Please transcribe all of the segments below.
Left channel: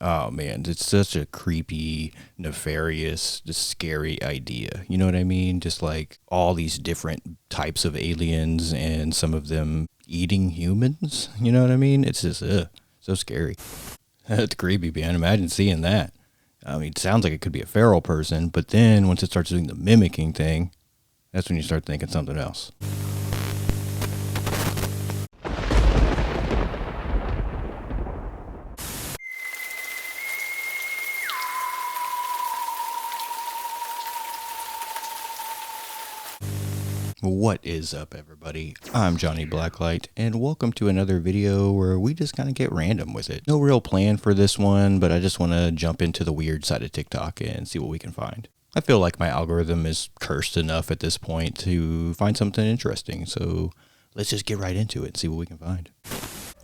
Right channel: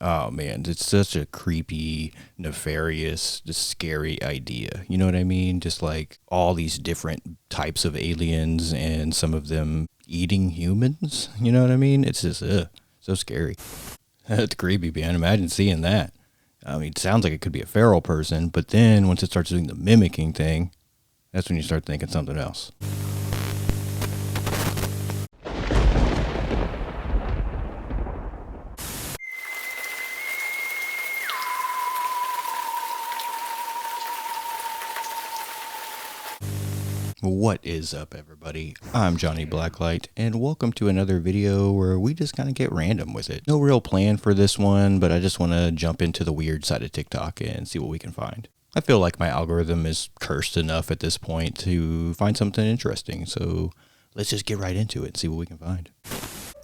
Oh man, it's such a creepy, nefarious, just scary idea. You know what I mean? Just like all these different types of aliens and some of them eating humans. You know what I mean? It's just so scary. That's creepy, man. Imagine seeing that. I mean, it sounds like it could be a feral person, but then once it starts doing the mimicking thing, that's when you start thinking something else. What is up, everybody? I'm Johnny Blacklight, and welcome to another video where we just kind of get random with it. No real plan for this one, but I just want to jump into the weird side of TikTok and see what we can find. I feel like my algorithm is cursed enough at this point to find something interesting, so let's just get right into it and see what we can find.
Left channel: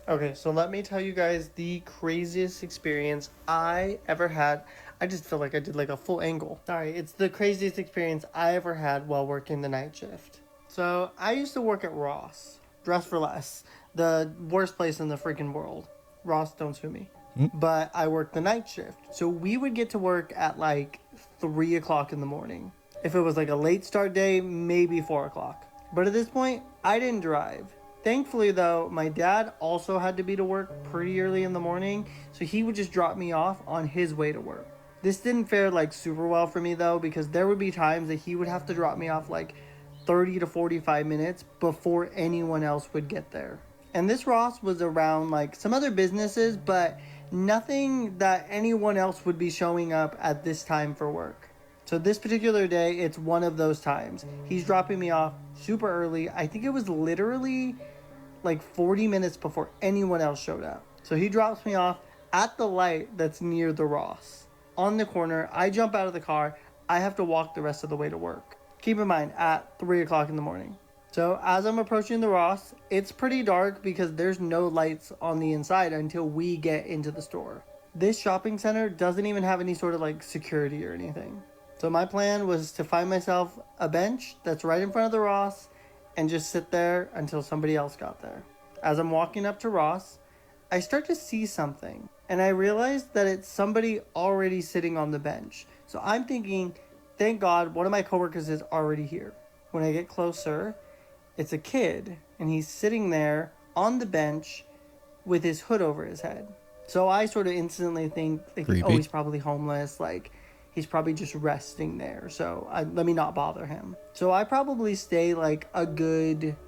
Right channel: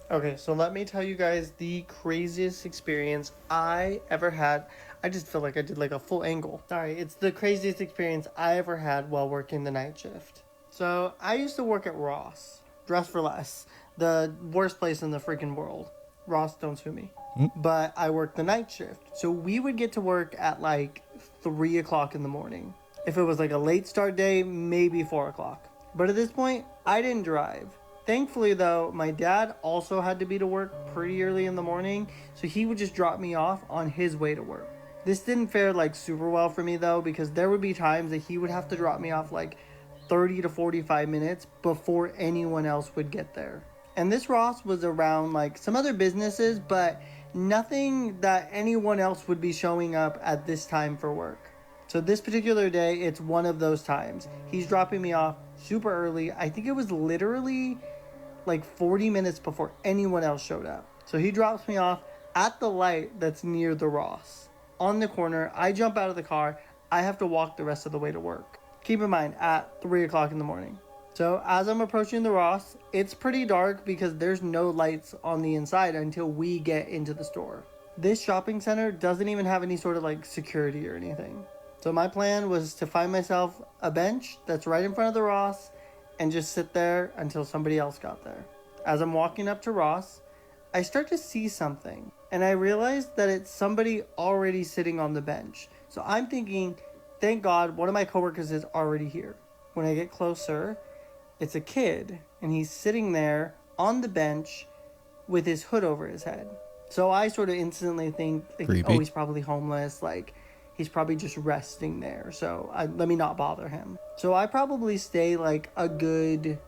Okay, so let me tell you guys the craziest experience I ever had. I just feel like I did like a full angle. Sorry, it's the craziest experience I ever had while working the night shift. So I used to work at Ross, Dress for Less, the worst place in the freaking world. Ross, don't sue me. But I worked the night shift. So we would get to work at like 3 o'clock in the morning. If it was like a late start day, maybe 4 o'clock. But at this point, I didn't drive. Thankfully, though, my dad also had to be to work pretty early in the morning, so he would just drop me off on his way to work. This didn't fare like super well for me, though, because there would be times that he would have to drop me off like 30 to 45 minutes before anyone else would get there. And this Ross was around like some other businesses, but nothing that anyone else would be showing up at this time for work. So this particular day, it's one of those times. He's dropping me off super early. I think it was literally like 40 minutes before anyone else showed up. So he drops me off at the light that's near the Ross. On the corner, I jump out of the car. I have to walk the rest of the way to work. Keep in mind, at 3 o'clock in the morning. So as I'm approaching the Ross, it's pretty dark because there's no lights on the inside until we get into the store. This shopping center doesn't even have any sort of like security or anything. So my plan was to find myself a bench that's right in front of the Ross and just sit there until somebody else got there. As I'm walking up to Ross, I start to see something, and I realize that it's somebody already sitting on the bench. So I'm thinking, thank God one of my coworkers is already here. When I get closer, it's a kid, and he's sitting there on the bench with his hood over his head. So I sort of instantly think, like, oh, he's probably homeless, like, he's probably just resting there, so let me not bother him. So I probably stay like a good,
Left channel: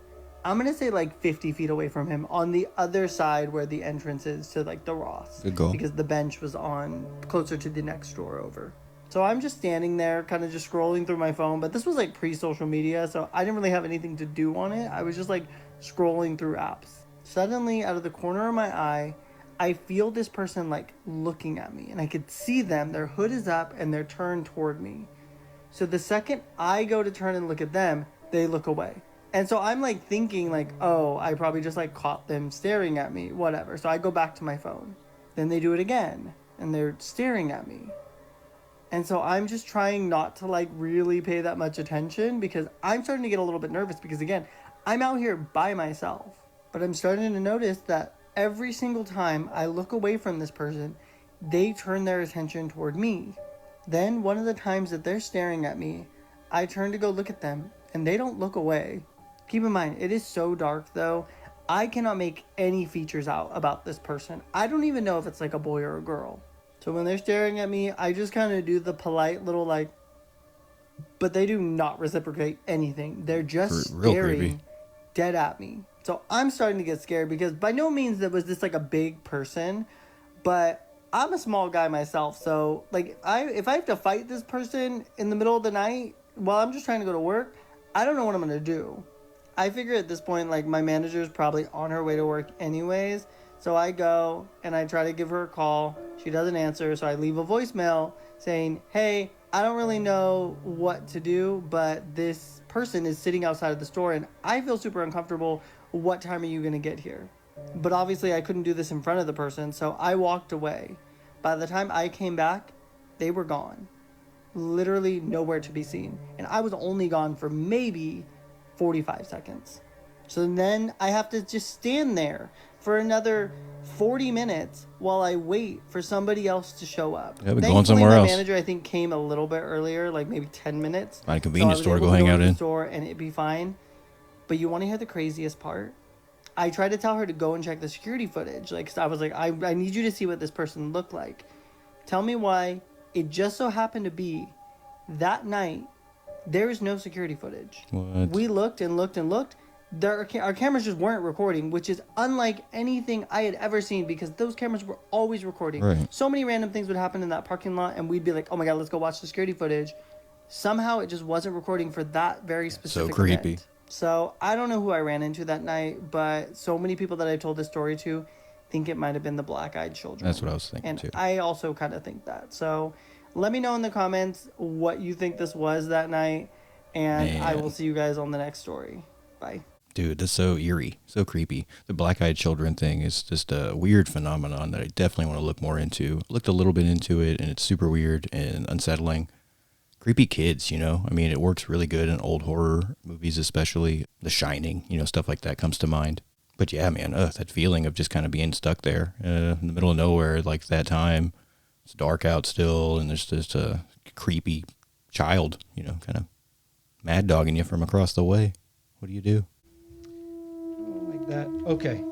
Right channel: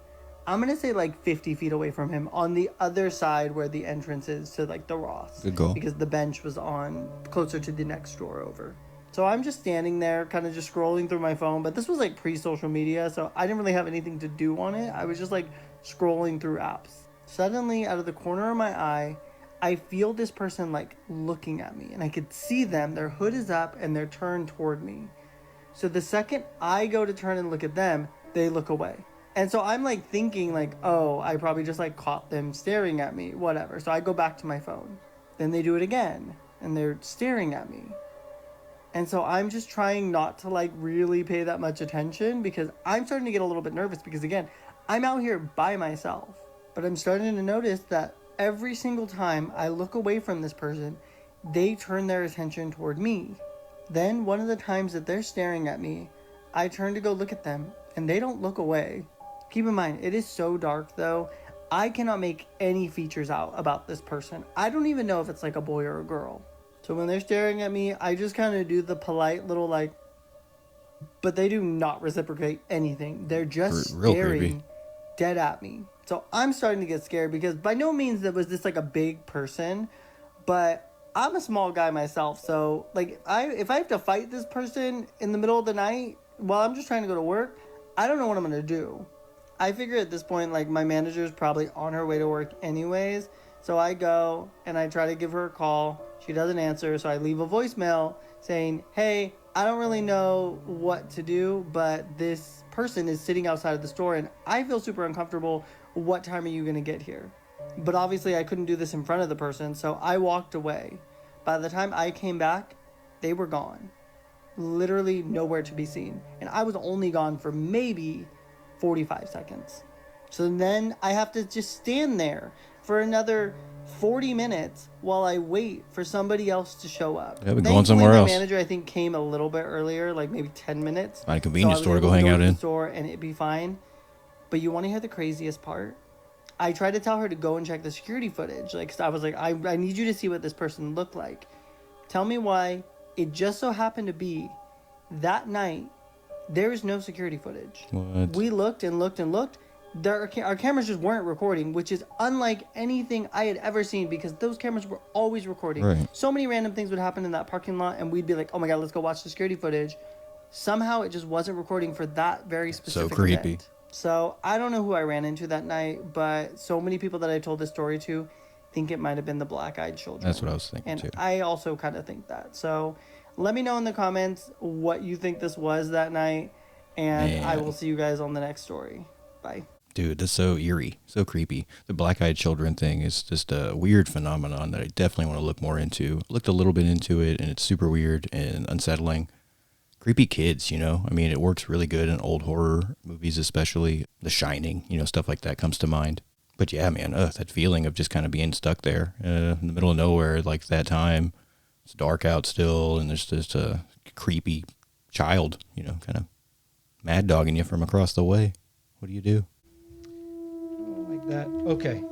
I'm going to say like 50 feet away from him on the other side where the entrance is to like the Ross. Good goal. Because the bench was on closer to the next door over. So I'm just standing there kind of just scrolling through my phone, but this was like pre-social media, so I didn't really have anything to do on it. I was just like scrolling through apps. Suddenly, out of the corner of my eye, I feel this person like looking at me, and I could see them, their hood is up and they're turned toward me. So the second I go to turn and look at them, they look away. And so I'm like thinking like, oh, I probably just like caught them staring at me, whatever. So I go back to my phone. Then they do it again and they're staring at me. And so I'm just trying not to like really pay that much attention because I'm starting to get a little bit nervous because again, I'm out here by myself. But I'm starting to notice that every single time I look away from this person, they turn their attention toward me. Then one of the times that they're staring at me, I turn to go look at them, and they don't look away. Keep in mind, it is so dark though, I cannot make any features out about this person. I don't even know if it's like a boy or a girl. So when they're staring at me, I just kind of do the polite little like, but they do not reciprocate anything. They're just real staring creepy. dead at me. So I'm starting to get scared because by no means was this like a big person, but I'm a small guy myself. So like if I have to fight this person in the middle of the night while I'm just trying to go to work, I don't know what I'm going to do. I figure at this point like my manager is probably on her way to work anyways. So I go and I try to give her a call. She doesn't answer, so I leave a voicemail saying, hey, I don't really know what to do, but this person is sitting outside of the store and I feel super uncomfortable. What time are you going to get here? But obviously I couldn't do this in front of the person, so I walked away. By the time I came back, they were gone. Literally nowhere to be seen. And I was only gone for maybe 45 seconds. So then I have to just stand there for another 40 minutes while I wait for somebody else to show up. Yeah, but going somewhere else. My manager, I think, came a little bit earlier, like maybe 10 minutes. Find a convenience store to go hang out out in. Store and it'd be fine. But you want to hear the craziest part? I tried to tell her to go and check the security footage. Like, 'cause I was like, I need you to see what this person looked like. Tell me why. It just so happened to be that night, there is no security footage. What? We looked and looked and looked. Our cameras just weren't recording, which is unlike anything I had ever seen because those cameras were always recording. Right. So many random things would happen in that parking lot, and we'd be like, oh my god, let's go watch the security footage. Somehow it just wasn't recording for that very specific So creepy. event. So I don't know who I ran into that night, but so many people that I told this story to think it might have been the black-eyed children. That's what I was thinking and too. I also kind of think that. So let me know in the comments what you think this was that night, and I will see you guys on the next story. Bye. Dude, that's so eerie, so creepy. The black-eyed children thing is just a weird phenomenon that I definitely want to look more into. Looked a little bit into it, and it's super weird and unsettling. Creepy kids, you know? I mean, it works really good in old horror movies, especially The Shining, you know, stuff like that comes to mind. But yeah, man, that feeling of just kind of being stuck there in the middle of nowhere, like that time. It's dark out still, and there's just a creepy child, you know, kind of mad dogging you from across the way. What do you do? Like that. Okay.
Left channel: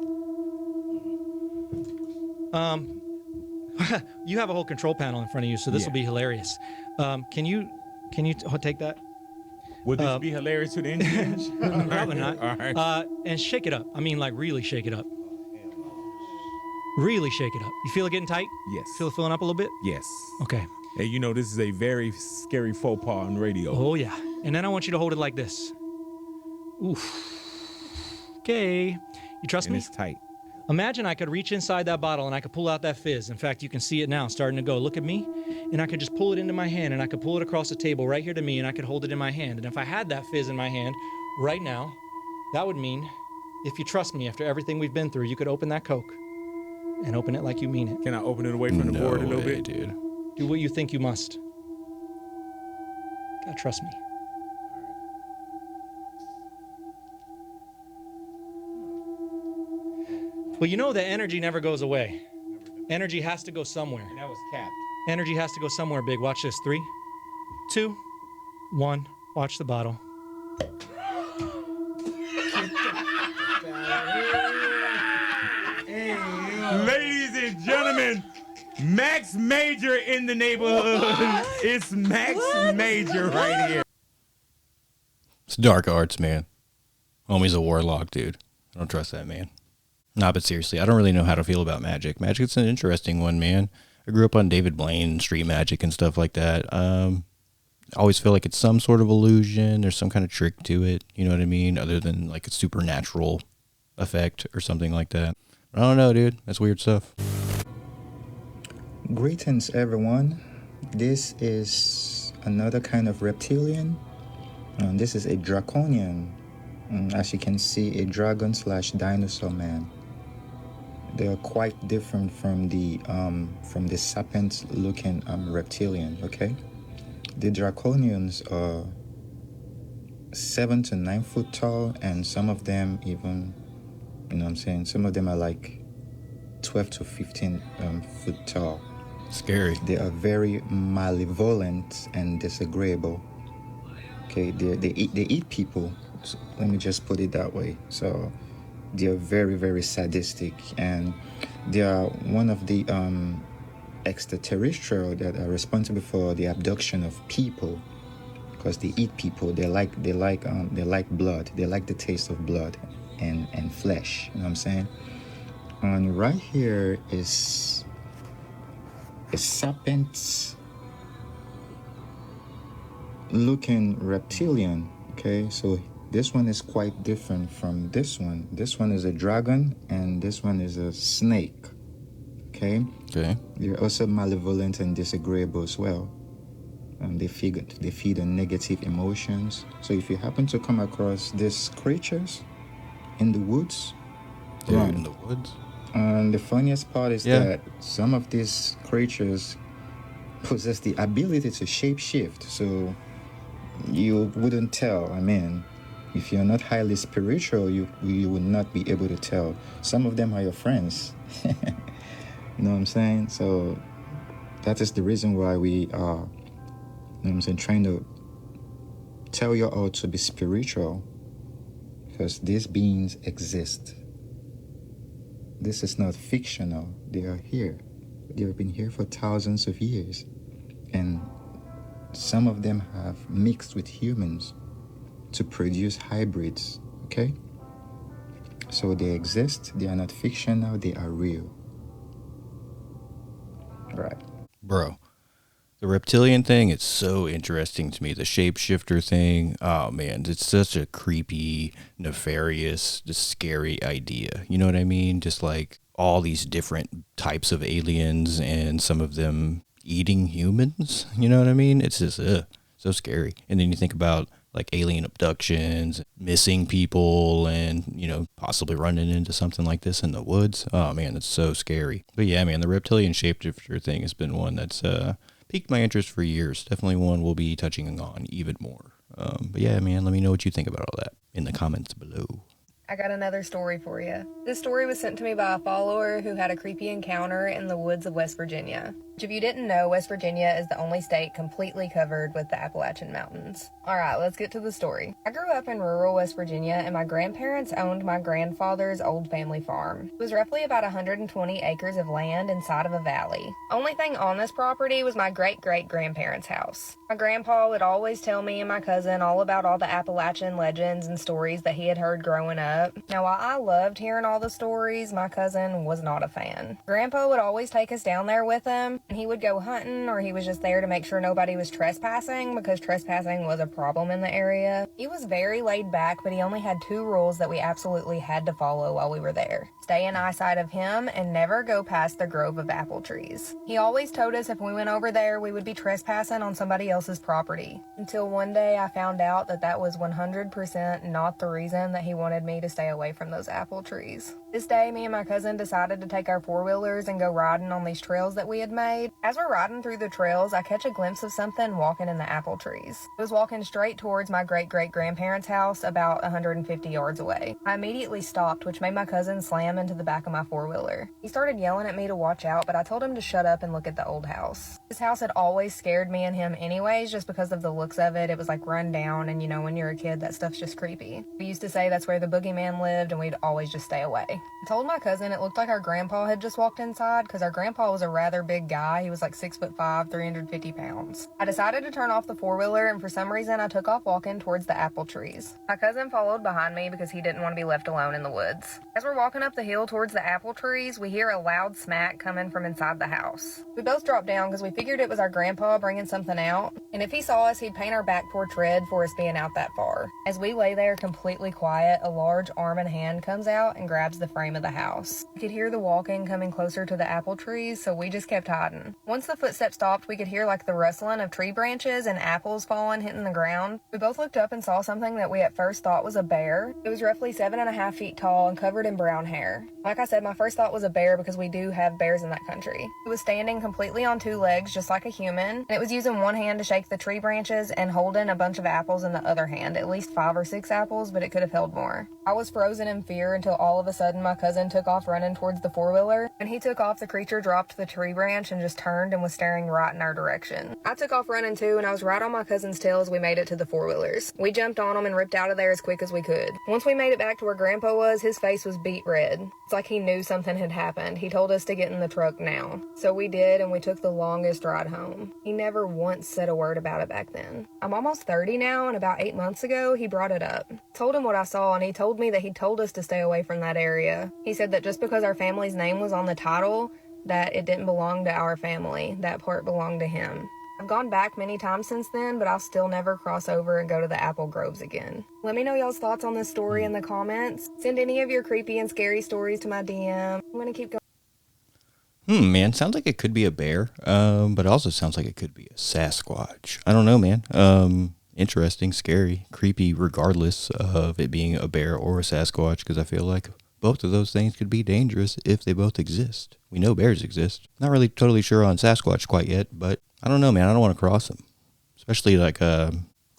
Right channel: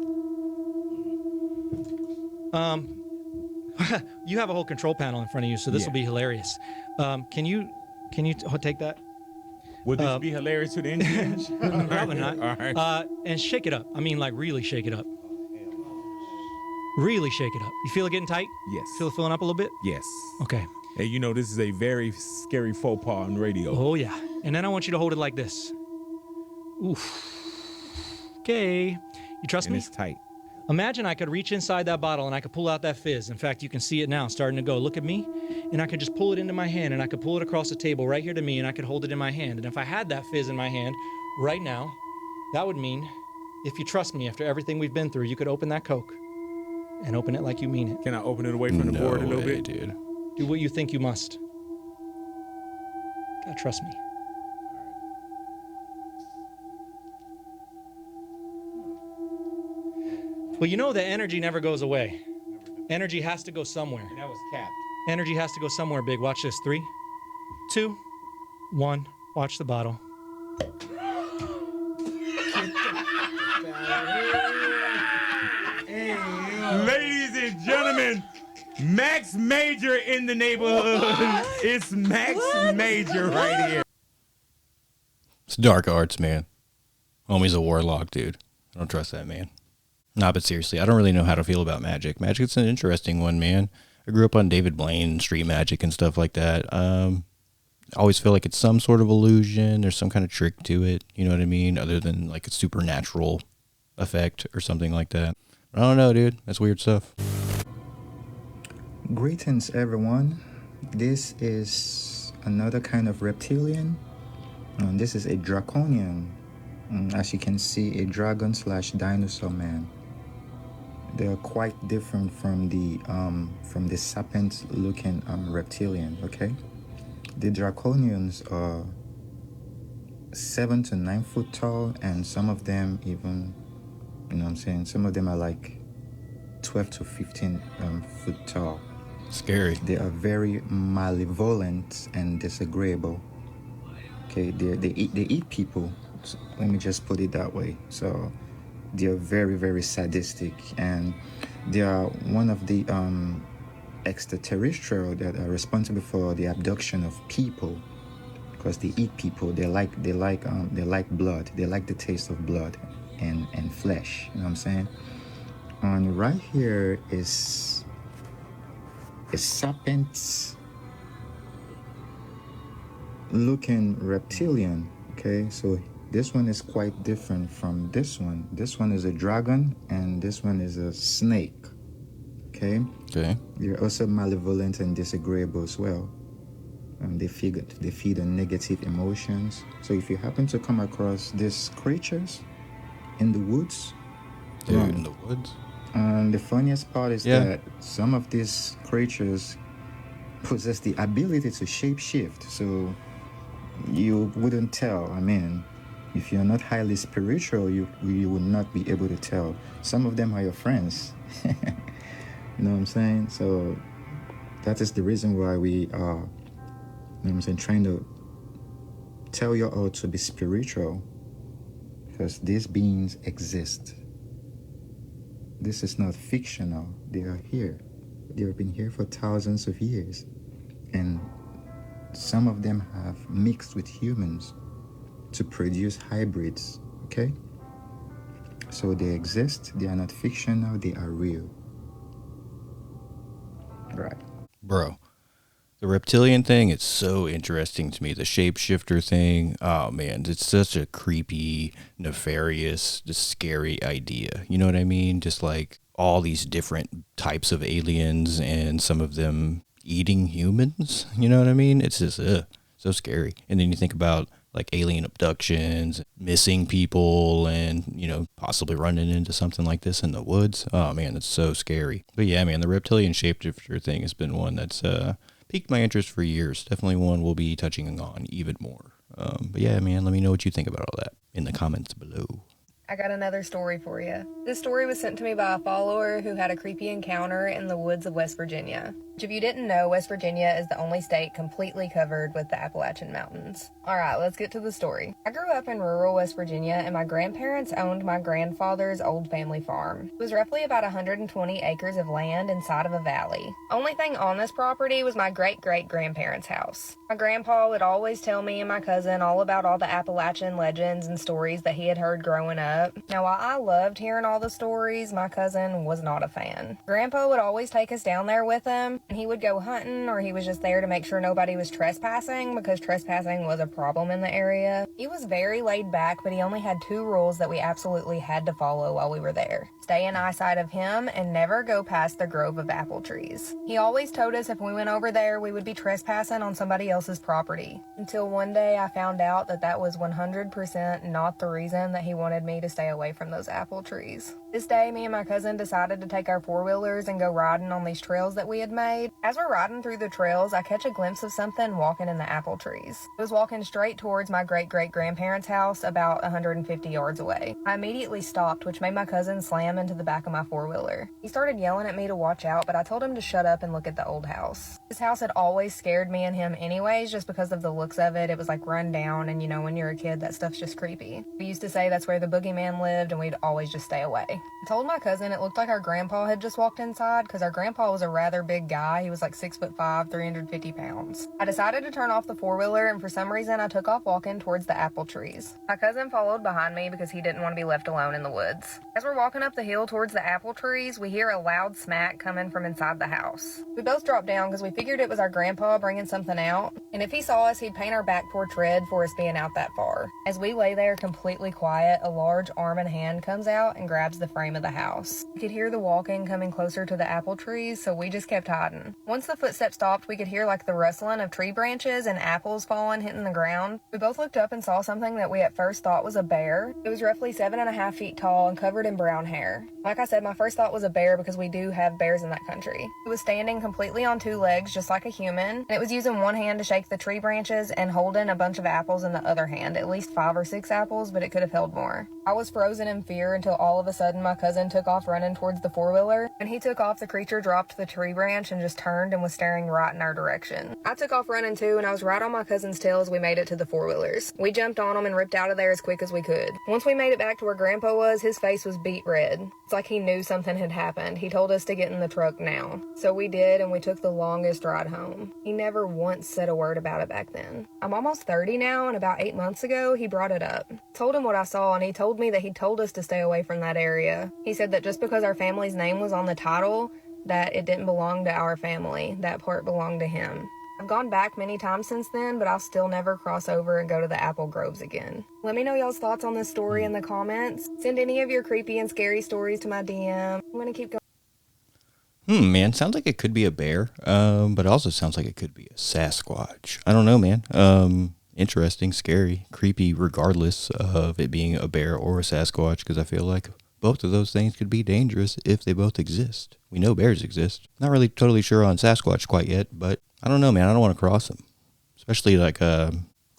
You have a whole control panel in front of you, so this will be hilarious. Can you take that? Would this be hilarious to the engineers? Probably not. All right. And shake it up. I mean, like really shake it up. Really shake it up. You feel it getting tight? Yes. Feel it filling up a little bit? Yes. Okay. Hey, you know, this is a very scary faux pas on radio. Oh, yeah. And then I want you to hold it like this. Oof. Okay. You trust And me? it's tight. Imagine I could reach inside that bottle and I could pull out that fizz. In fact, you can see it now starting to go. Look at me. And I could just pull it into my hand and I could pull it across the table right here to me and I could hold it in my hand. And if I had that fizz in my hand right now, that would mean, if you trust me after everything we've been through, you could open that Coke and open it like you mean it. Can I open it away from the board a little bit? Dude. Do what you think you must. Gotta trust me. Well, you know that energy never goes away. Energy has to go somewhere. That was capped. Energy has to go somewhere big. Watch this. 3, 2, 1. Watch the bottle. Ladies and gentlemen, Max Major in the neighborhood. It's Max Major right here. It's dark arts, man. Homie's a warlock, dude. I don't trust that man. Nah, but seriously, I don't really know how to feel about magic. Magic's an interesting one, man. I grew up on David Blaine, street magic and stuff like that. I always feel like it's some sort of illusion. There's some kind of trick to it, you know what I mean? Other than like a supernatural effect or something like that. I don't know, dude. That's weird stuff. Greetings, everyone. This is another kind of reptilian. This is a draconian. As you can see, a dragon/dinosaur man. They are quite different from the serpent-looking reptilian. Okay, the draconians are 7 to 9 foot tall, and some of them even, you know what I'm saying, some of them are like 12 to 15 foot tall. Scary. They are very malevolent and disagreeable. Okay, they eat people. So let me just put it that way. So they are very, very sadistic, and they are one of the extraterrestrial that are responsible for the abduction of people, because they eat people. They like blood. They like the taste of blood and flesh. You know what I'm saying? And right here is a serpent looking reptilian. Okay, so this one is quite different from this one. This one is a dragon and this one is a snake. Okay, they're also malevolent and disagreeable as well. They feed on negative emotions. So if you happen to come across these creatures in the woods, Dude, in the woods? and the funniest part is that some of these creatures possess the ability to shapeshift. So you wouldn't tell. I mean, If you're not highly spiritual, you would not be able to tell. Some of them are your friends. You know what I'm saying? So that is the reason why we are, you know what I'm saying, trying to tell you all to be spiritual, because these beings exist. This is not fictional. They are here. They have been here for thousands of years. And some of them have mixed with humans to produce hybrids, okay? So they exist. They are not fictional. They are real. Right. Bro, the reptilian thing, it's so interesting to me. The shapeshifter thing, oh man, it's such a creepy, nefarious, just scary idea. You know what I mean? Just like all these different types of aliens and some of them eating humans. You know what I mean? It's just so scary. And then you think about like alien abductions, missing people, and, you know, possibly running into something like this in the woods. Oh man, that's so scary. But yeah, man, the reptilian shapeshifter thing has been one that's piqued my interest for years. Definitely one we'll be touching on even more. But yeah, man, let me know what you think about all that in the comments below. I got another story for you. This story was sent to me by a follower who had a creepy encounter in the woods of West Virginia. Which, if you didn't know, West Virginia is the only state completely covered with the Appalachian Mountains. Alright, let's get to the story. I grew up in rural West Virginia, and my grandparents owned my grandfather's old family farm. It was roughly about 120 acres of land inside of a valley. Only thing on this property was my great-great-grandparents' house. My grandpa would always tell me and my cousin all about all the Appalachian legends and stories that he had heard growing up. Now, while I loved hearing all the stories, my cousin was not a fan. Grandpa would always take us down there with him, and he would go hunting, or he was just there to make sure nobody was trespassing, because trespassing was a problem in the area. He was very laid back, but he only had 2 rules that we absolutely had to follow while we were there. Stay in eyesight of him, and never go past the grove of apple trees. He always told us if we went over there, we would be trespassing on somebody else's property. Until one day I found out that that was 100% not the reason that he wanted me to stay away from those apple trees. This day, me and my cousin decided to take our 4-wheelers and go riding on these trails that we had made. As we're riding through the trails, I catch a glimpse of something walking in the apple trees. It was walking straight towards my great-great-grandparents' house about 150 yards away. I immediately stopped, which made my cousin slam into the back of my 4-wheeler. He started yelling at me to watch out, but I told him to shut up and look at the old house. This house had always scared me and him anyways, just because of the looks of it. It was like run down, and you know, when you're a kid, that stuff's just creepy. We used to say that's where the boogeyman lived, and we'd always just stay away. I told my cousin it looked like our grandpa had just walked inside, because our grandpa was a rather big guy. He was like 6'5", 350 pounds. I decided to turn off the 4-wheeler, and for some reason I took off walking towards the apple trees. My cousin followed behind me because he didn't want to be left alone in the woods. As we're walking up the hill towards the apple trees, we hear a loud smack coming from inside the house. We both dropped down because we figured it was our grandpa bringing something out, and if he saw us, he'd paint our back porch red for us being out that far. As we lay there completely quiet, a large arm and hand comes out and grabs the frame of the house. We could hear the walking coming closer to the apple trees, so we just kept hiding. Once the footsteps stopped, we could hear like the rustling of tree branches and apples falling, hitting the ground. We both looked up and saw something that we at first thought was a bear. It was roughly 7.5 feet tall and covered in brown hair. Like I said, my first thought was a bear because we do have bears in that country. It was standing completely on 2 legs, just like a human, and it was using one hand to shake the tree branches and holding a bunch of apples in the other hand, at least 5 or 6 apples, but it could have held more. I was frozen in fear until all of a sudden my cousin took off running towards the 4-wheeler. When he took off, the creature dropped the tree branch and just turned and was staring right in our direction. I took off running too, and I was right on my cousin's tail as we made it to the 4-wheelers. We jumped on them and ripped out of there as quick as we could. Once we made it back to where Grandpa was, his face was beet red. It's like he knew something had happened. He told us to get in the truck now. So we did, and we took the longest ride home. He never once said a word about it back then. I'm almost 30 now, and about 8 months ago, he brought it up. Told him what I saw, and he told me that he told us to stay away from that area. He said that just because our family's name was on the title, that it didn't belong to our family. That part belonged to him. I've gone back many times since then, but I'll still never cross over and go to the apple groves again. Let me know y'all's thoughts on this story in the comments. Send any of your creepy and scary stories to my DM. I'm gonna keep going. Man, sounds like it could be a bear, but it also sounds like it could be a Sasquatch. I don't know, man. Interesting, scary, creepy, regardless of it being a bear or a Sasquatch, because I feel like both of those things could be dangerous if they both exist. We know bears exist. Not really totally sure on Sasquatch quite yet, but I don't know, man. I don't want to cross them, especially like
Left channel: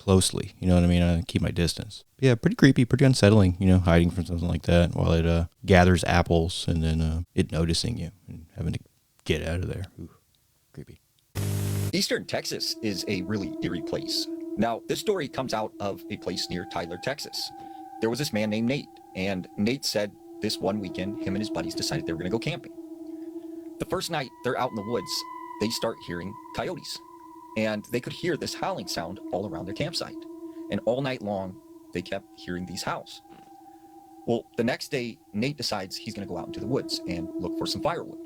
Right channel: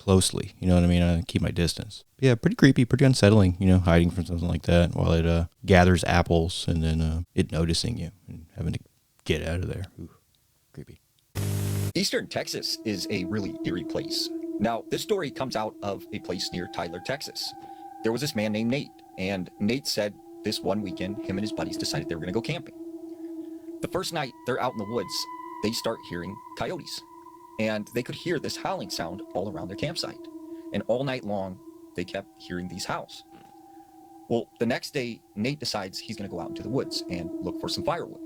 closely. You know what I mean? I keep my distance. Yeah, pretty creepy, pretty unsettling, you know, hiding from something like that while it gathers apples and then it noticing you and having to get out of there. Ooh, creepy. Eastern Texas is a really eerie place. Now, this story comes out of a place near Tyler, Texas. There was this man named Nate, and Nate said this one weekend, him and his buddies decided they were going to go camping. The first night they're out in the woods, they start hearing coyotes. And they could hear this howling sound all around their campsite. And all night long, they kept hearing these howls. Well, the next day, Nate decides he's going to go out into the woods and look for some firewood.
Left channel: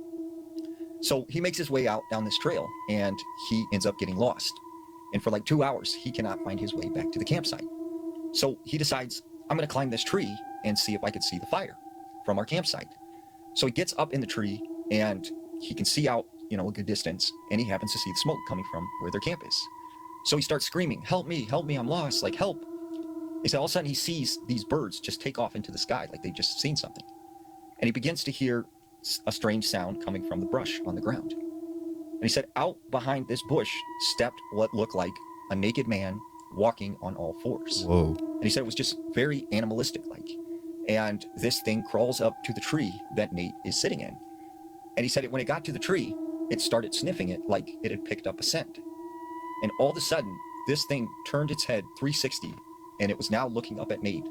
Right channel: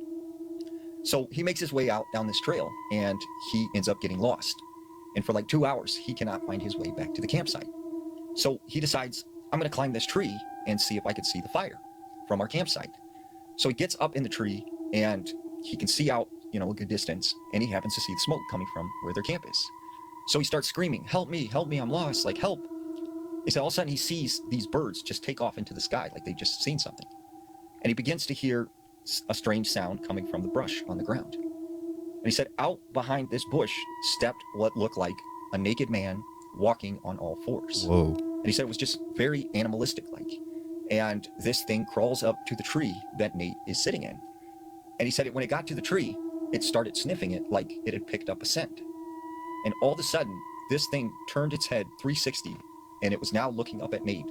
So he makes his way out down this trail, and he ends up getting lost. And for like 2 hours, he cannot find his way back to the campsite. So he decides, I'm going to climb this tree and see if I can see the fire from our campsite. So he gets up in the tree, and he can see out, a good distance, and he happens to see the smoke coming from where their camp is. So he starts screaming, help me, I'm lost, like help. He said all of a sudden he sees these birds just take off into the sky, like they've just seen something. And he begins to hear a strange sound coming from the brush on the ground. And he said out behind this bush stepped what looked like a naked man walking on all fours. Whoa. And he said it was just very animalistic like. And this thing crawls up to the tree that Nate is sitting in. And he said when it got to the tree, it started sniffing it like it had picked up a scent. And all of a sudden, this thing turned its head 360, and it was now looking up at Nate.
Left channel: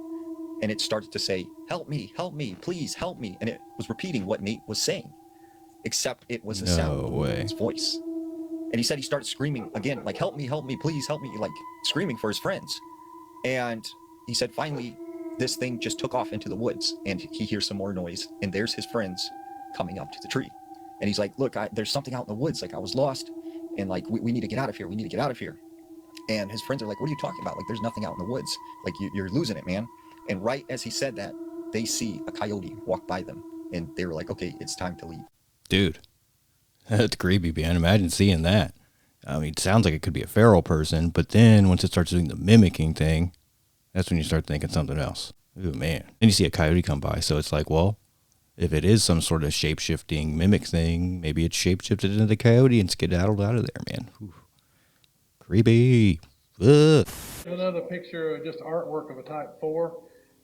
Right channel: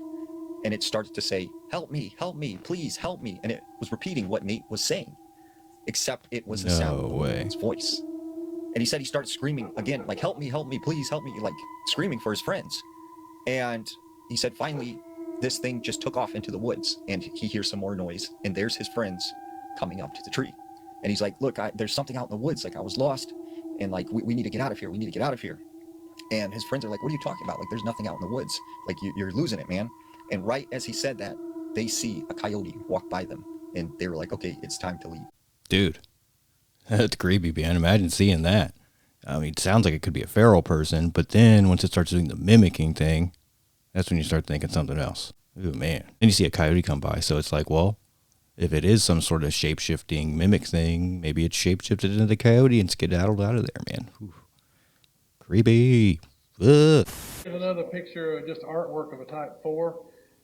And it started to say, help me, please help me. And it was repeating what Nate was saying, except it was the sound of Nate's voice. And he said he started screaming again, like, help me, please help me, like screaming for his friends. And he said finally, this thing just took off into the woods, and he hears some more noise, and there's his friends coming up to the tree. And he's like, look, there's something out in the woods, like I was lost, and like, we need to get out of here, And his friends are like, what are you talking about? Like, there's nothing out in the woods. Like, you're losing it, man. And right as he said that, they see a coyote walk by them, and they were like, okay, it's time to leave. Dude, that's creepy, man. Imagine seeing that. I mean, it sounds like it could be a feral person, but then once it starts doing the mimicking thing, that's when you start thinking something else. Ooh, man. Then you see a coyote come by, so it's like, well, if it is some sort of shape-shifting mimic thing, maybe it's shape-shifted into the coyote and skedaddled out of there, man. Ooh. Creepy. Ugh. Another picture of just artwork of a Type 4.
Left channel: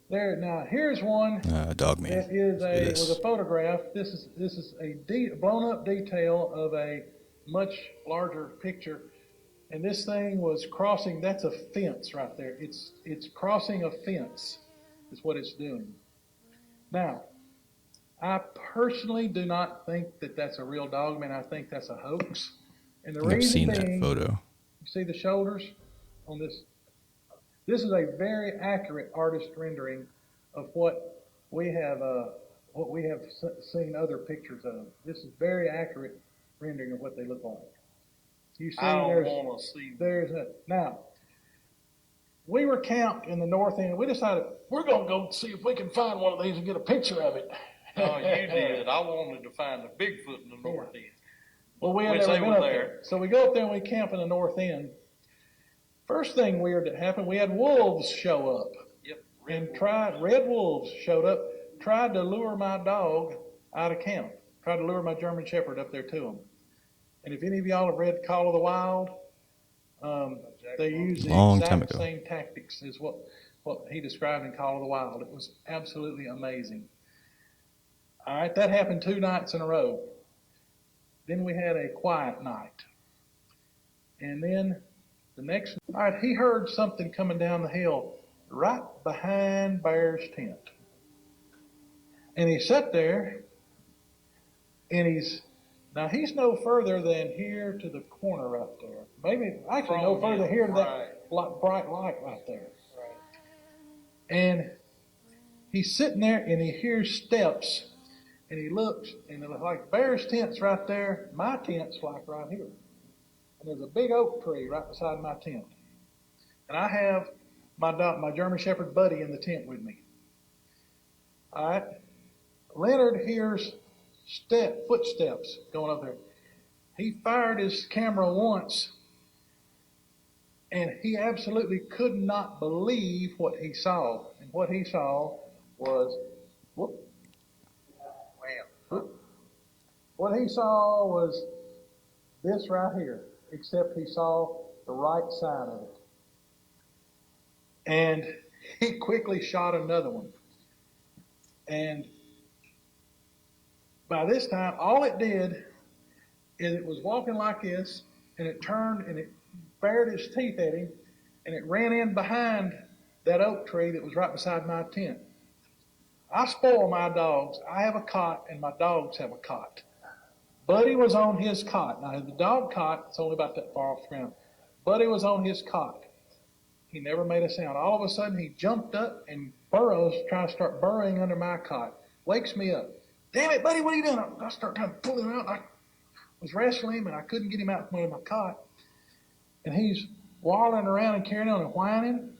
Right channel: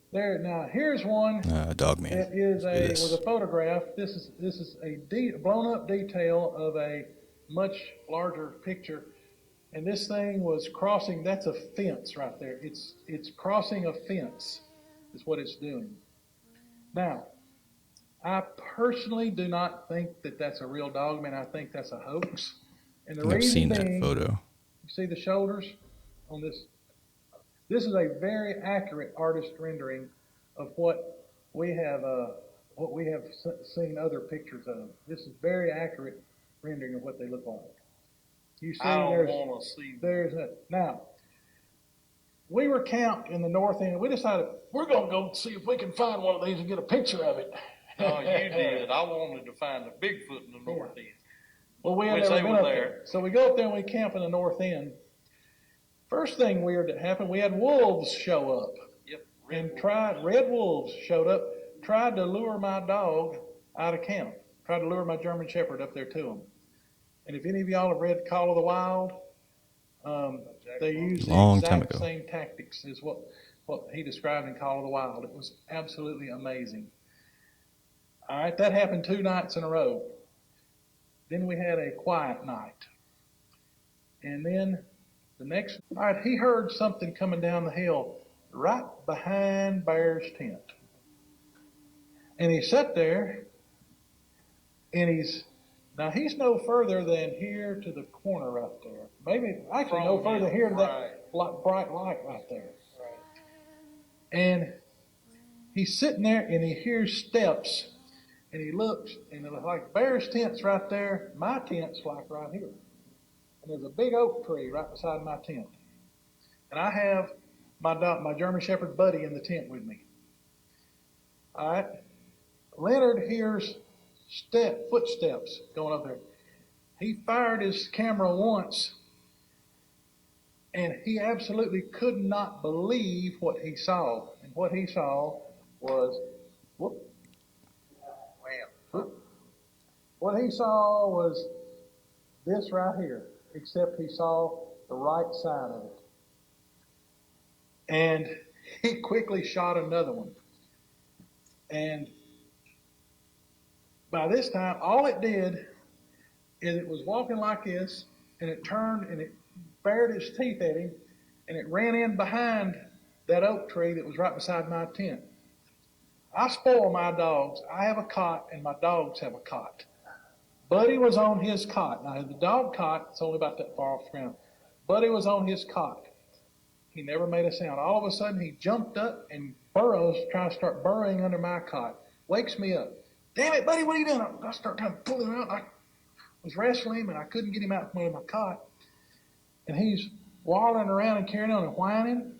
There, now here's one. Dogman. That is with a photograph. This is a blown up detail of a much larger picture. And this thing was crossing, that's a fence right there. It's crossing a fence is what it's doing. Now, I personally do not think that that's a real dogman. I think that's a hoax. And I've seen that photo. You see the shoulders on this? This is a very accurate artist rendering of what we have seen other pictures of. This is very accurate rendering of what they look like. You see, now, we were camped in the north end. We decided we're going to go see if we can find one of these and get a picture of it. Oh, you did. I wanted to find a Bigfoot in the north end. Well, we ended up going there. So we go up there and we camp in the north end. First thing weird that happened, we had wolves show up. Yep. Red wolves showed up, tried to lure my dog out of camp. Tried to lure my German Shepherd up there to them. And if any of y'all have read Call of the Wild, they used the exact same tactics as what he described in Call of the Wild. It was absolutely amazing. All right, that happened 2 nights in a row. Then we had a quiet night. And then the next, all right, he heard something coming down the hill right behind Bear's tent. And he sat there, and he's no further than here to the corner right there. Maybe actually no further here to that bright light right there. And he's sitting there, and he hears steps, and he looks, and like Bear's tent's right there, my tent's like right here. And there's a big oak tree right beside my tent. And I have my German Shepherd Buddy in the tent with me. All right. Leonard hears footsteps going up there. He fired his camera once, and he absolutely could not believe what he saw. And what he saw was, what he saw was this right here, except he saw the right side of it. And he quickly shot another one. And by this time, all it did is it was walking like this, and it turned and it bared its teeth at him, and it ran in behind that oak tree that was right beside my tent. I spoil my dogs. I have a cot, and my dogs have a cot. Buddy was on his cot. Now, the dog cot is only about that far off the ground. Buddy was on his cot. He never made a sound. All of a sudden, he jumped up and burrows, trying to start burrowing under my cot. Wakes me up. Damn it, buddy, what are you doing? I start trying to pull him out. I was wrestling him, and I couldn't get him out from under my cot. And he's waddling around and carrying on and whining.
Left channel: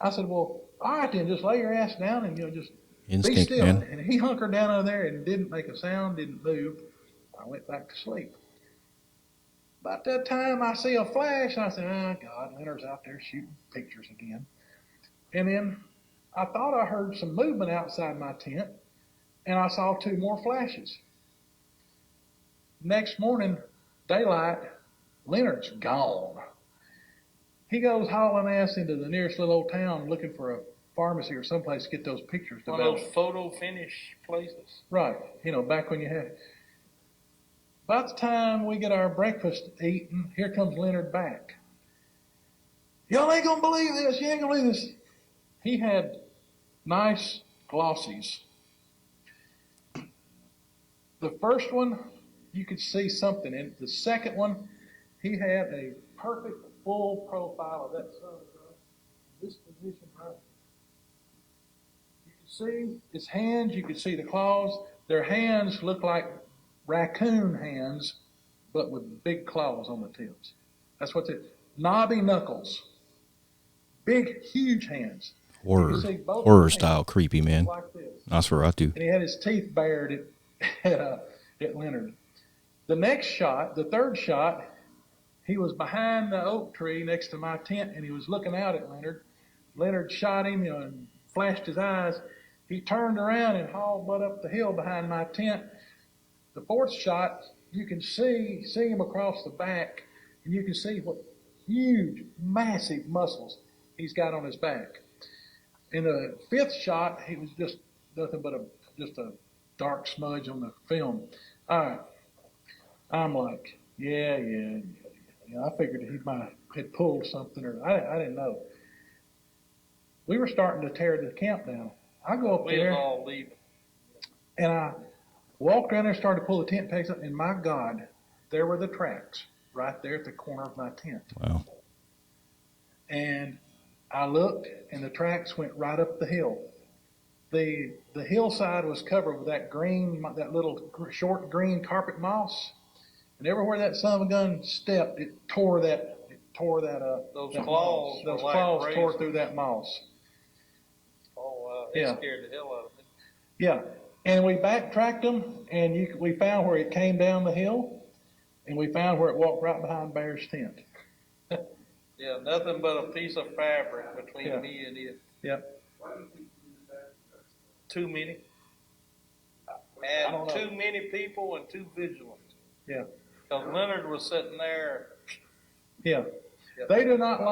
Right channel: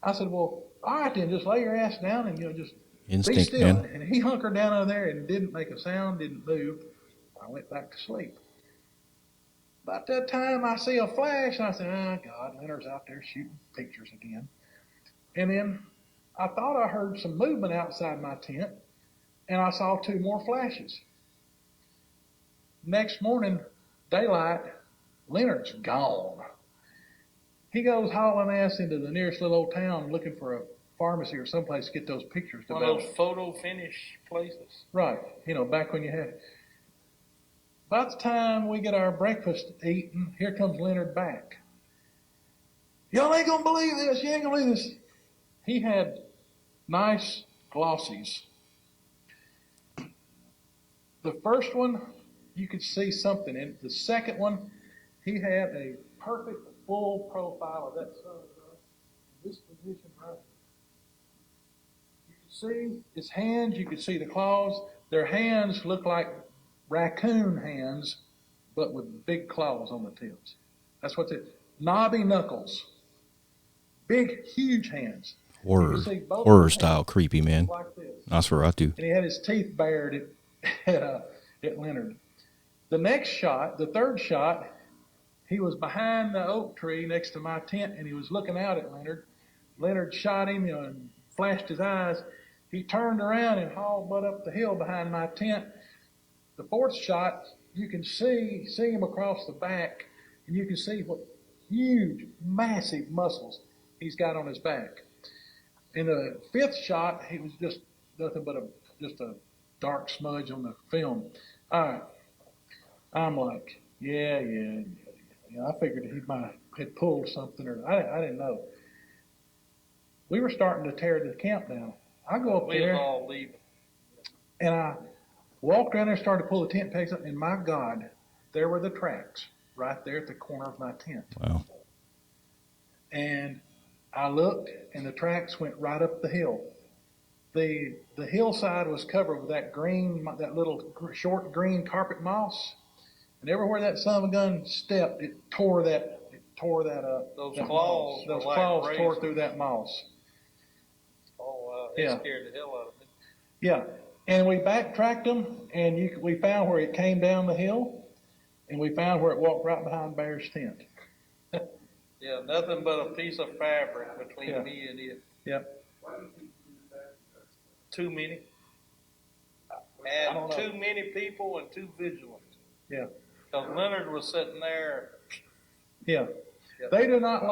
I said, well, all right then, just lay your ass down and just Instinct, be still. man. And he hunkered down over there and didn't make a sound, didn't move. I went back to sleep. About that time, I see a flash, and I said, oh, God, Leonard's out there shooting pictures again. And then I thought I heard some movement outside my tent, and I saw 2 more flashes. Next morning, daylight, Leonard's gone. He goes hauling ass into the nearest little old town looking for a pharmacy or someplace to get those pictures. One of those photo finish places. Right. Back when you had. By the time we get our breakfast eaten, here comes Leonard back. Y'all ain't gonna believe this. You ain't gonna believe this. He had nice glossies. The first one, you could see something in it. The second one, he had a perfect full profile of that sun. This position right. You could see his hands, you could see the claws. Their hands look like raccoon hands, but with big claws on the tips. That's what knobby knuckles. Big, huge hands. Horror style creepy, man. Like Nosferatu. and he had his teeth bared at Leonard. The next shot, the third shot, he was behind the oak tree next to my tent, and he was looking out at Leonard. Leonard shot him and flashed his eyes. He turned around and hauled butt up the hill behind my tent. The fourth shot, you can see him across the back, and you can see what huge, massive muscles he's got on his back. In the fifth shot, he was just nothing but just a dark smudge on the film. All right. I'm like, yeah. I figured he might have pulled something, or I didn't know. We were starting to tear the camp down. I go up there, and I walked around there, started to pull the tent pegs up, and my God, there were the tracks right there at the corner of my tent. Wow. And I looked, and the tracks went right up the hill. The hillside was covered with that little short green carpet moss. And everywhere that son of a gun stepped, it tore that. Those claws tore through that moss. Oh, they scared the hell out of me. Yeah, and we backtracked them, and we found where it came down the hill, and we found where it walked right behind Bear's tent. Yeah, nothing but a piece of fabric between me and it. Yeah. Too many. And too many people and too vigilant. Yeah. Because Leonard was sitting there. Yeah. They do not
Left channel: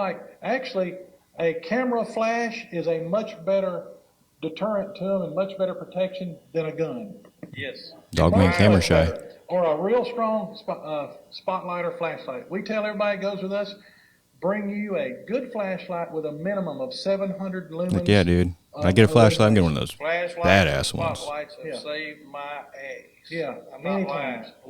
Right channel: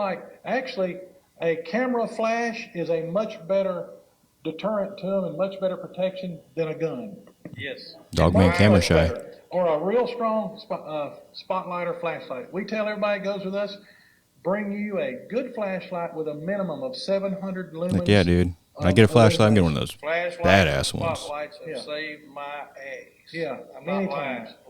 actually, a camera flash is a much better deterrent to them and much better protection than a gun. Yes. Dogman camera shy. Or a real strong spotlight or flashlight. We tell everybody that goes with us, bring you a good flashlight with a minimum of 700 lumens. Like, yeah, dude. I get a flashlight, I'm getting one of those badass ones. Spotlights have saved my ass. Yeah, I'm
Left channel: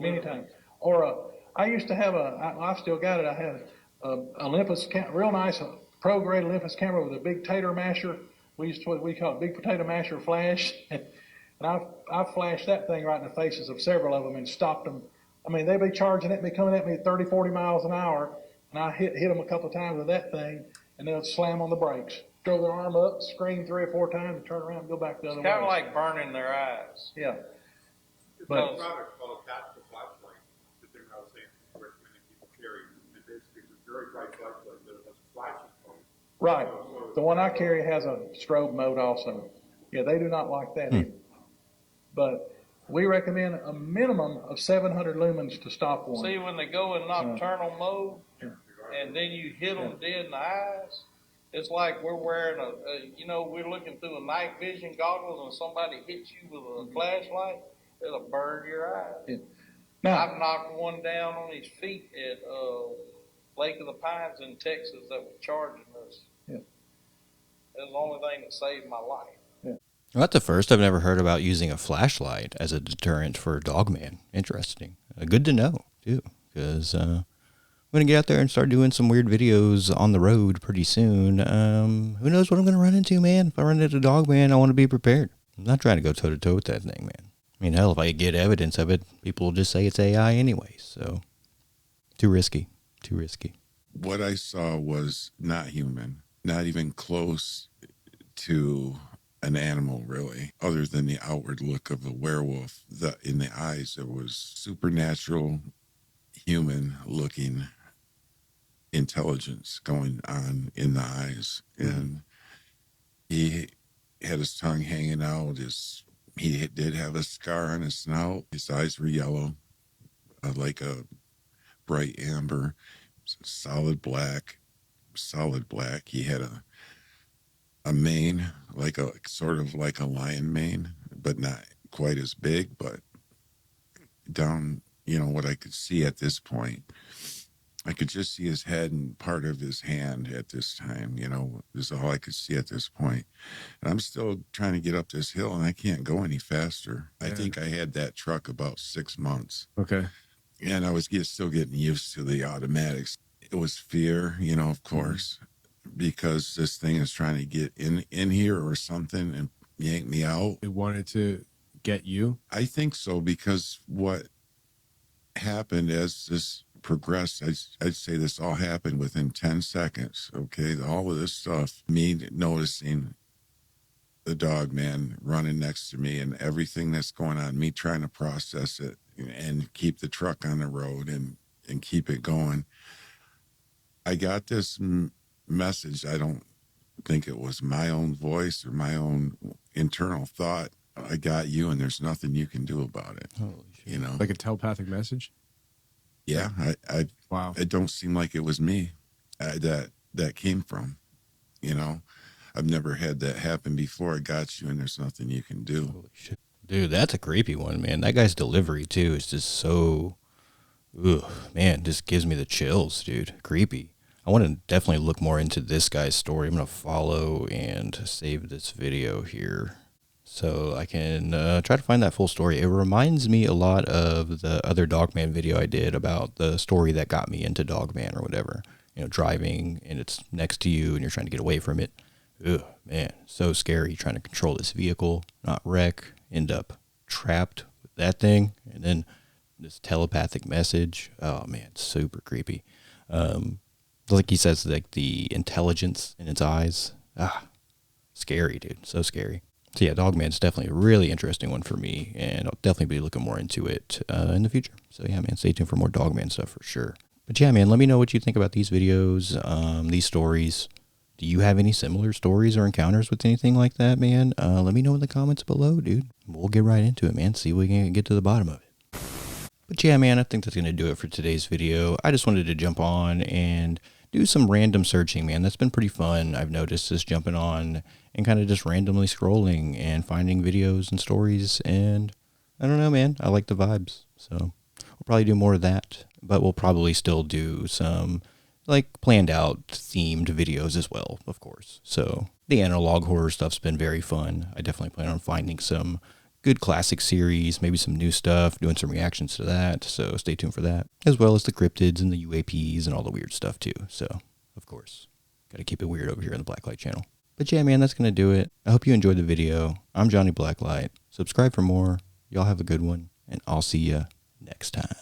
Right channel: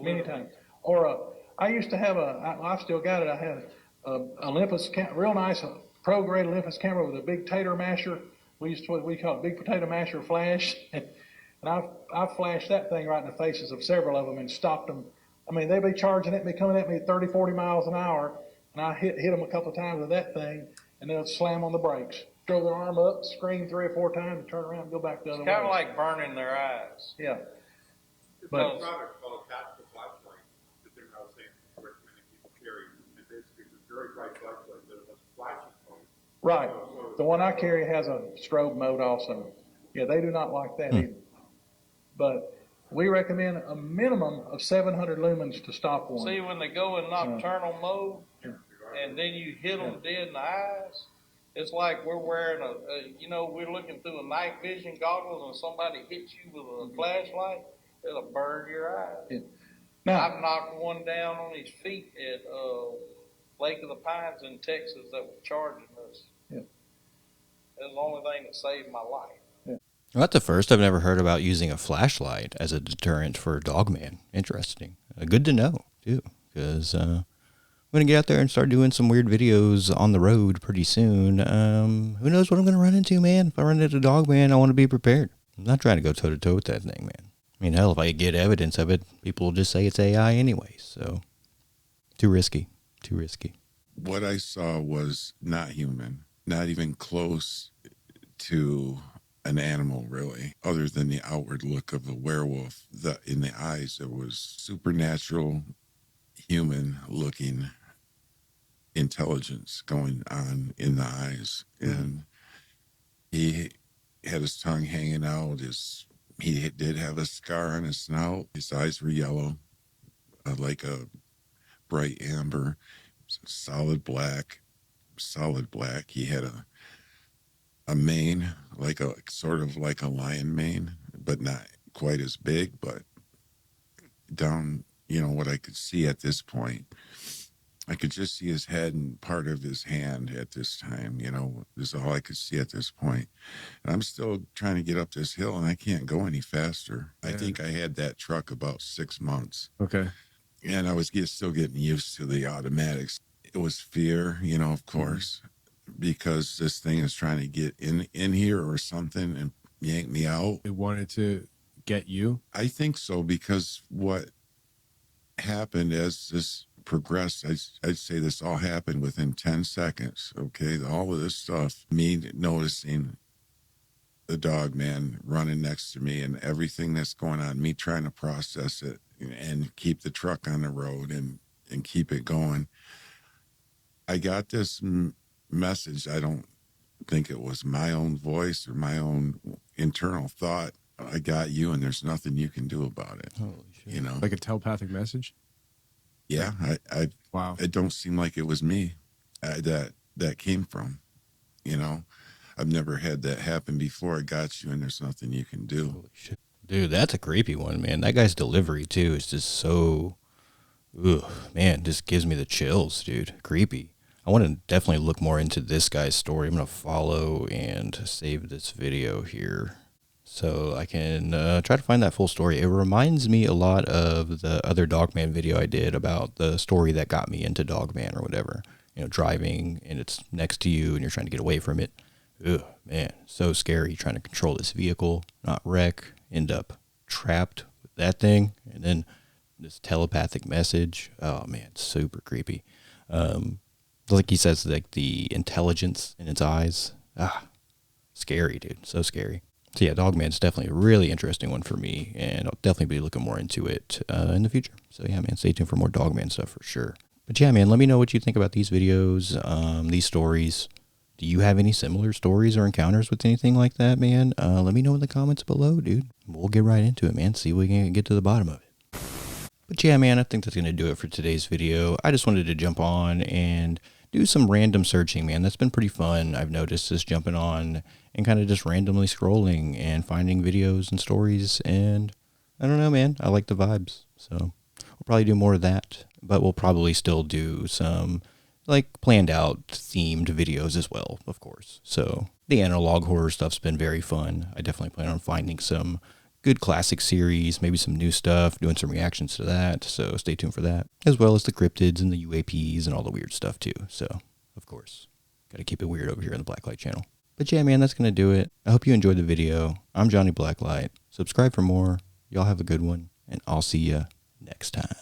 many times. Or I used to have I still got it. I had an Olympus real nice pro grade Olympus camera with a big tater masher. We call it big potato masher flash, and I flashed that thing right in the faces of several of them and stopped them. I mean, they'd be charging it, be coming at me at 30, 40 miles an hour, and I hit them a couple of times with that thing, and they'll slam on the brakes. Throw their arm up, scream 3 or 4 times, and turn around and go back the other way. It's kind of like burning their eyes. Yeah. But right. The one I carry has a strobe mode also. Yeah, they do not like that either. But we recommend a minimum of 700 lumens to stop one. See, when they go in nocturnal mode, and then you hit them dead in the eyes, It's like we're wearing we're looking through the night vision goggles and somebody hits you with a flashlight, it'll burn your eyes. Yeah. Now, I've knocked one down on his feet at Lake of the Pines in Texas that was charging us. Yeah. It was the only thing that saved my life. Well, that's the first I've never heard about using a flashlight as a deterrent for Dogman. Interesting. Good to know, too, because I'm going to get out there and start doing some weird videos on the road pretty soon. Who knows what I'm going to run into, man? If I run into Dogman, I want to be prepared. I'm not trying to go toe-to-toe with that thing, man. I mean, hell, if I get evidence of it, people will just say it's AI anyway, so too risky. Too risky. What I saw was not human, not even close to an animal, really, other than the outward look of a werewolf. In the eyes, there was supernatural, human-looking intelligence going on in the eyes. And he had his tongue hanging out. He did have a scar on his snout. His eyes were yellow, like a bright amber, solid black. He had a mane, sort of like a lion mane, but not quite as big, but down, what I could see at this point. I could just see his head and part of his hand at this time, this is all I could see at this point. And I'm still trying to get up this hill and I can't go any faster. I think I had that truck about 6 months. Okay. And I was still getting used to the automatics. It was fear, of course, because this thing is trying to get in here or something and yank me out. It wanted to get you? I think so, because what happened as this progressed, I'd say this all happened within 10 seconds, okay? All of this stuff, me noticing the dog man running next to me and everything that's going on, me trying to process it and keep the truck on the road and keep it going. I got this message. I don't think it was my own voice or my own internal thought. I got you and there's nothing you can do about it. Holy shit. Like a telepathic message? Yeah, wow. It don't seem like it was me that came from, I've never had that happen before. I got you and there's nothing you can do. Holy shit. Dude, that's a creepy one, man. That guy's delivery, too, is just so, man, just gives me the chills, dude. Creepy. I want to definitely look more into this guy's story. I'm going to follow and save this video here so I can try to find that full story. It reminds me a lot of the other Dogman video I did about the story that got me into Dogman or whatever. Driving and it's next to you and you're trying to get away from it. Ugh, man, so scary trying to control this vehicle, not wreck, end up trapped with that thing, and then this telepathic message. Oh, man, super creepy. Like he says, like the intelligence in its eyes. Scary, dude, so scary. So yeah, Dogman's definitely a really interesting one for me, and I'll definitely be looking more into it in the future. So yeah, man, stay tuned for more Dogman stuff for sure. But yeah, man, let me know what you think about these videos, these stories. Do you have any similar stories or encounters with anything like that, man? Let me know in the comments below, dude. We'll get right into it, man. See if we can get to the bottom of it. But yeah, man, I think that's going to do it for today's video. I just wanted to jump on and do some random searching, man. That's been pretty fun. I've noticed just jumping on and kind of just randomly scrolling and finding videos and stories. And I don't know, man. I like the vibes. So we'll probably do more of that. But we'll probably still do some like planned out themed videos as well, of course. So the analog horror stuff's been very fun. I definitely plan on finding some good classic series, maybe some new stuff, doing some reactions to that. So stay tuned for that, as well as the cryptids and the UAPs and all the weird stuff too. So of course, got to keep it weird over here on the Blacklight channel. But yeah, man, that's going to do it. I hope you enjoyed the video. I'm Johnny Blacklight. Subscribe for more. Y'all have a good one, and I'll see you next time.